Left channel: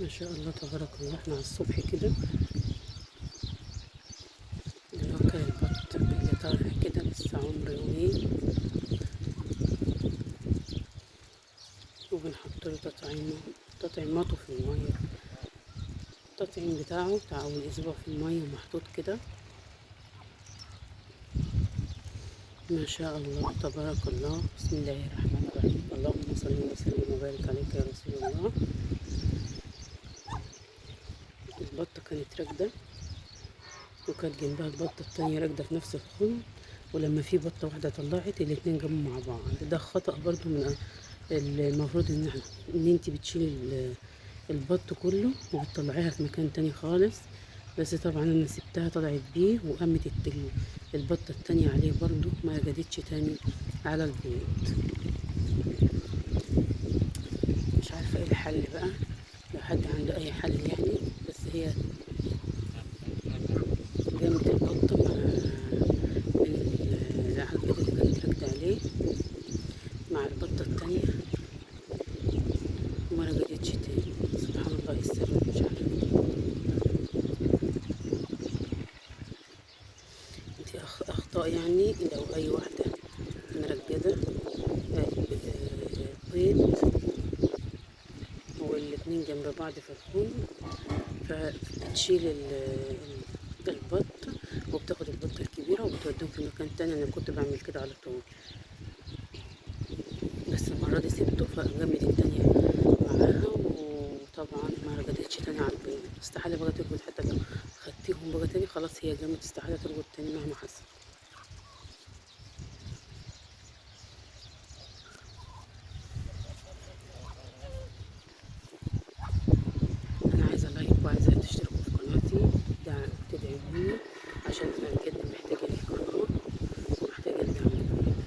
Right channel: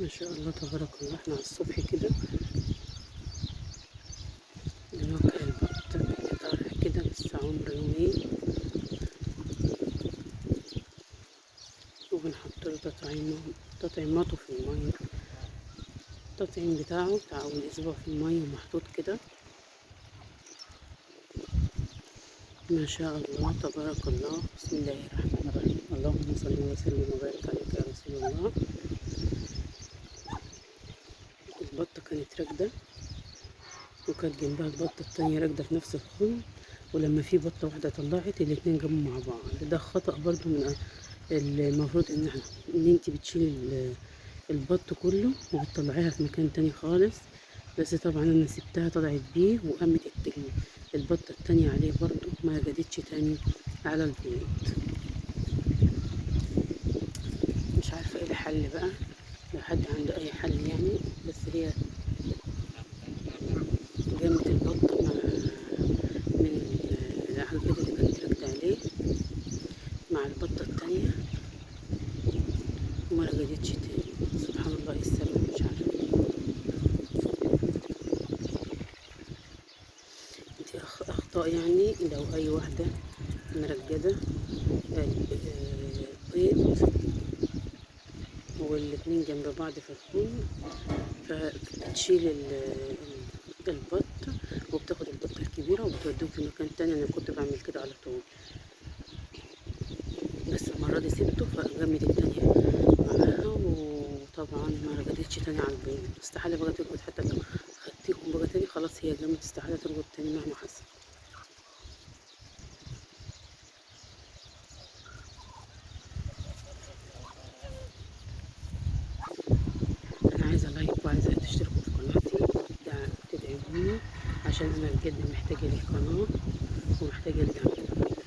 ما شاء الله تبارك الله. احنا على الصبح كده بنوكل البط اللي طالع كده لسه عمره يومين، وبنحط له تطعيماته في المية. التطعيم بتاعه بتاع أول أسبوع في المية محطوط كده. ما شاء الله تبارك الله. بسم الله الرحمن الرحيم. اللهم صل وسلم وبارك عليك يا رسول الله. البطة كانت راكدة، وكانت جنبها البطة التانية راكدة في نفس الخن، ولما في بطة واحدة طلعت الاتنين جابوا مع بعض. ده خطأ برضو من المفروض ان انتي بتشيلي البط كله وبتطلعيها في مكان تاني خالص. بس طبعا انا سبتها طلعت بيه، وقامت البطة التانية عليه برضو، ما جدتش تاني على البيت. مش عارفة ايه الحل بقى، لو حد عنده اي حل يعني. بس هي جابت البطة على البيت اللي كانت راكدة عليه مع البطة التانية، وما رجعتش تاني. سبحان الله، ايه السبب؟ مش عارفة. انتي اخطاء يعني. لو اي واحدة مرجدة بيض والاتنين جنب بعض في الخون، فبتشيل البط، وبتاخد البطة الكبيرة وبتوديهم في مكان تاني. انا كنت بعمل كده على طول، بس المرة دي سبته فجمد التانية معاها، وطبعا ما رجعتش تاني على البيض. استحالة بقى تربط، حتى لو خدتيهم بقى تاني خلاص هي جامد، استحالة تربط تاني مهما حصل. انا عايزة لايك، وعايزة تشتركوا في قناتي وتدعموني، عشان انا بجد محتاجة للقناة ومحتاجة لدعمكم.